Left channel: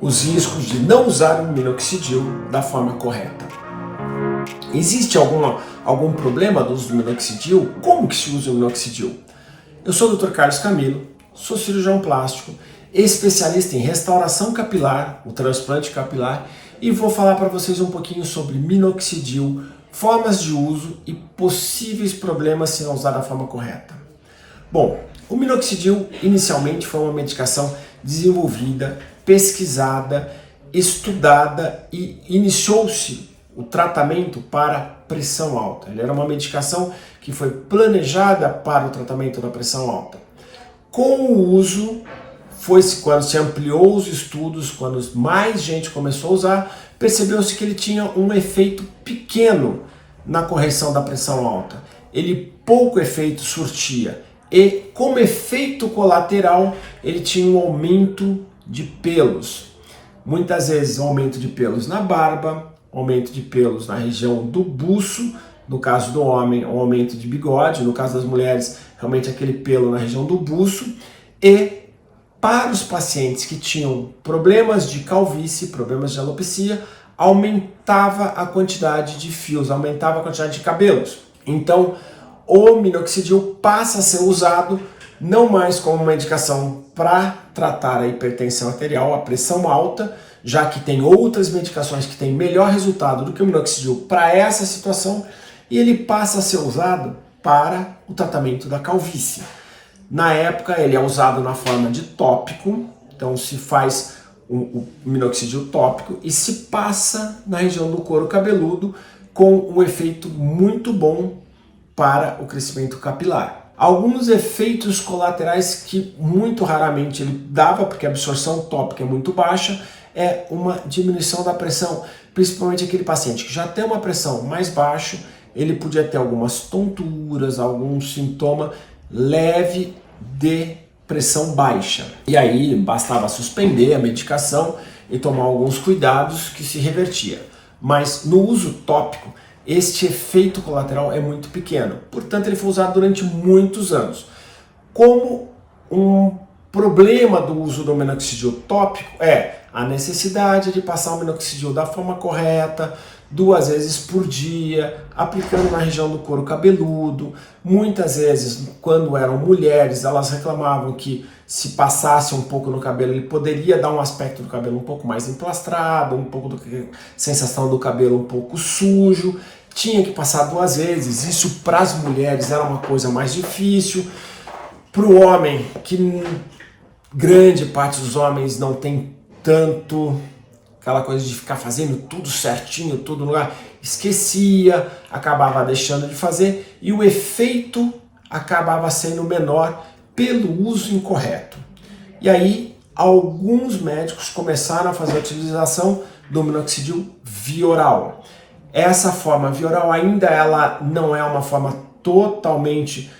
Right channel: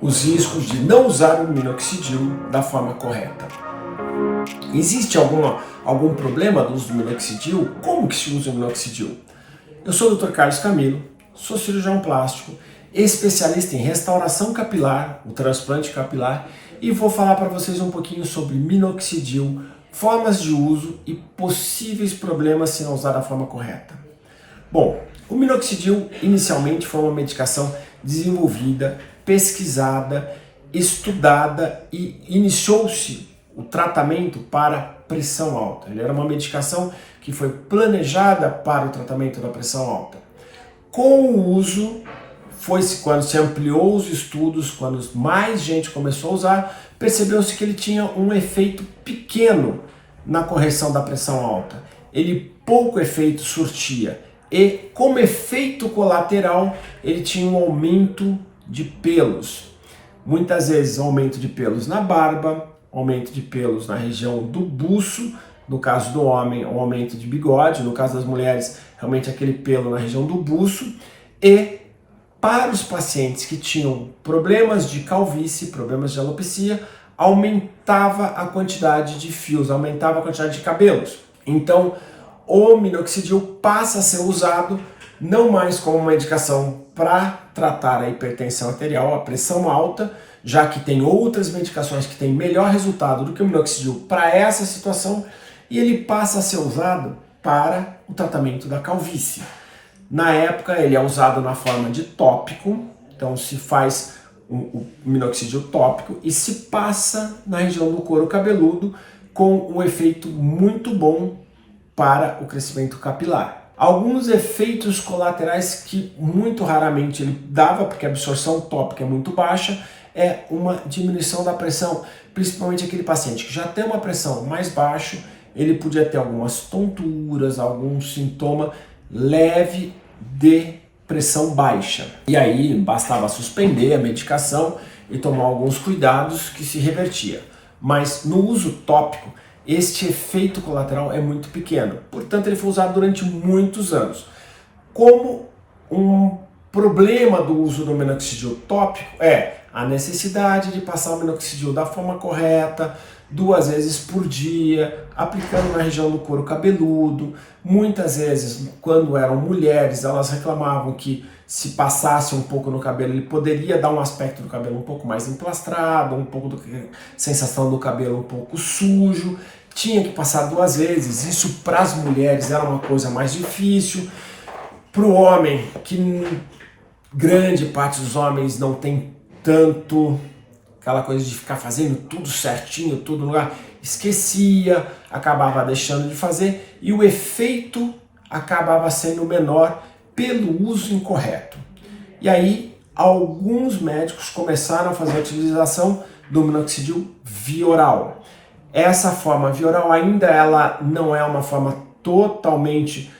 os riscos de não usar o minoxidil da forma correta. Existe algum problema do uso do minoxidil? Como que se usa o minoxidil? Eu sou o Dr. Carlos Camilo, sou cirurgião plástico, especialista em restauração capilar, o transplante capilar, e vou falar para vocês um pouquinho sobre minoxidil, formas de uso e possíveis problemas se não usar da forma correta. Bom, o minoxidil inicialmente foi uma medicação desenvolvida, pesquisada, estudada e iniciou-se o tratamento para pressão alta. Ele era uma medicação que foi planejada para o tratamento da pressão alta. Com o uso, quando se ampliou os estudos, quando mais gente começou a usar, percebeu-se que ele tinha um efeito pequeno na correção da pressão alta. Ele pouco efeito surtia e, como efeito colateral, ele tinha um aumento de pelos. Muitas vezes aumento de pelos na barba, aumento de pelos na região do buço, no caso do homem, um aumento de bigode, no caso das mulheres, realmente aquele pelo na região do buço, e para os pacientes que tinham problemas de calvície, problemas de alopecia, aumentava a quantidade de fios, aumentava a quantidade de cabelos. Então, o minoxidil passa a ser usado não mais como uma medicação para tratar a hipertensão arterial, a pressão alta, já que tem outras medicações que têm melhor resultado do que o minoxidil para essa situação, e ele passa a ser usado para o tratamento da calvície. Na época ele é usado na forma de tópico, então se faz o minoxidil tópico e se passa na região do couro cabeludo com um efeito muito bom para o crescimento capilar. Alguns efeitos colaterais que muito raramente ele dava, porque a absorção tópica é muito baixa, é uma diminuição da pressão, principalmente aquele paciente que já tem uma pressão mais baixa, ele podia ter algumas tonturas, algum sintoma leve de pressão baixa. E aí bastava suspender a medicação e tomar alguns cuidados que se revertia. Mas no uso tópico, este efeito colateral é muito pequeno. Portanto, ele foi usado durante muitos anos. Como um problema do uso do minoxidil tópico é a necessidade de passar o minoxidil da forma correta, 2 vezes por dia, aplicando na região do couro cabeludo. Muitas vezes, quando eram mulheres, elas reclamavam que se passasse um pouco no cabelo, ele poderia dar um aspecto do cabelo um pouco mais emplastrado, um pouco sensação do cabelo um pouco sujo. Tinha que passar 2 vezes. Isso para as mulheres era uma coisa mais difícil. Para o homem, que grande parte dos homens não tem tanto aquela coisa de ficar fazendo tudo certinho, tudo no lugar, esquecia, acabava deixando de fazer e o efeito acabava sendo menor pelo uso incorreto. E aí, alguns médicos começaram a fazer a utilização do minoxidil via oral. Essa forma via oral ainda ela não é uma forma totalmente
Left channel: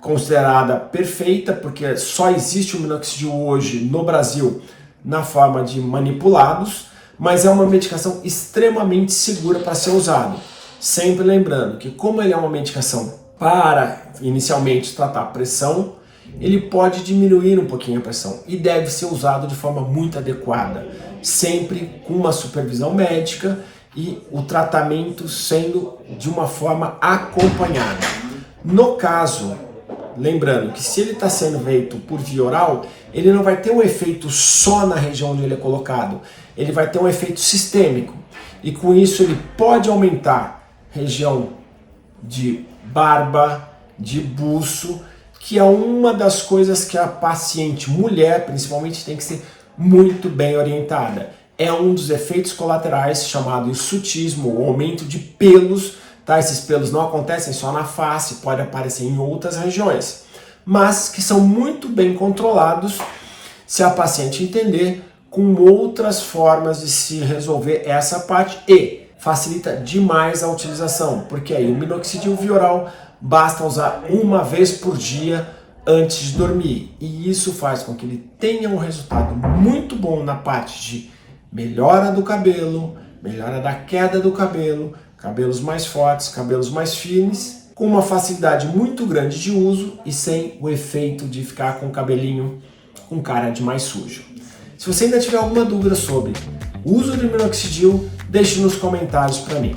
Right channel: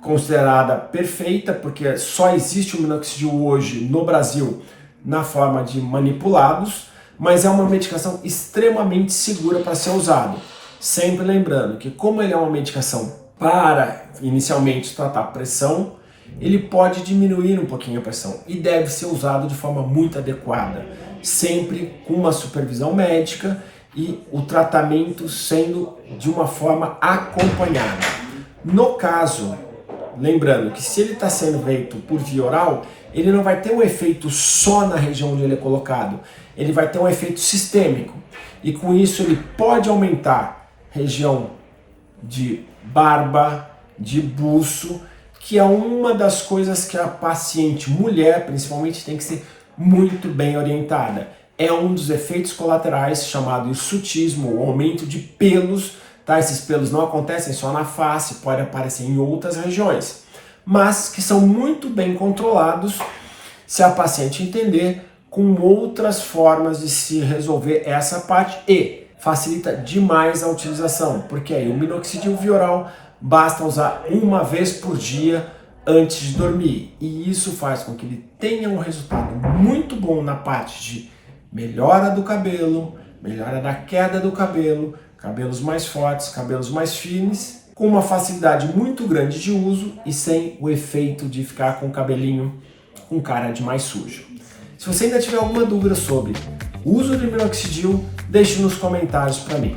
considerada perfeita, porque só existe o minoxidil hoje no Brasil na forma de manipulados, mas é uma medicação extremamente segura para ser usado. Sempre lembrando que como ele é uma medicação para inicialmente tratar pressão, ele pode diminuir um pouquinho a pressão e deve ser usado de forma muito adequada, sempre com uma supervisão médica e o tratamento sendo de uma forma acompanhada. No caso, lembrando que se ele está sendo feito por via oral, ele não vai ter um efeito só na região onde ele é colocado, ele vai ter um efeito sistêmico. E com isso ele pode aumentar região de barba, de buço, que é uma das coisas que a paciente mulher, principalmente, tem que ser muito bem orientada. É um dos efeitos colaterais chamado hirsutismo, o aumento de pelos. Tá? Esses pelos não acontecem só na face, pode aparecer em outras regiões, mas que são muito bem controlados se a paciente entender com outras formas de se resolver essa parte e facilita demais a utilização, porque aí o minoxidil via oral basta usar 1 vez por dia antes de dormir e isso faz com que ele tenha um resultado muito bom na parte de melhora do cabelo, melhora da queda do cabelo, cabelos mais fortes, cabelos mais firmes, com uma facilidade muito grande de uso e sem o efeito de ficar com o cabelinho com cara de mais sujo. Se Se você ainda tiver alguma dúvida sobre o uso do minoxidil, deixe nos comentários para mim.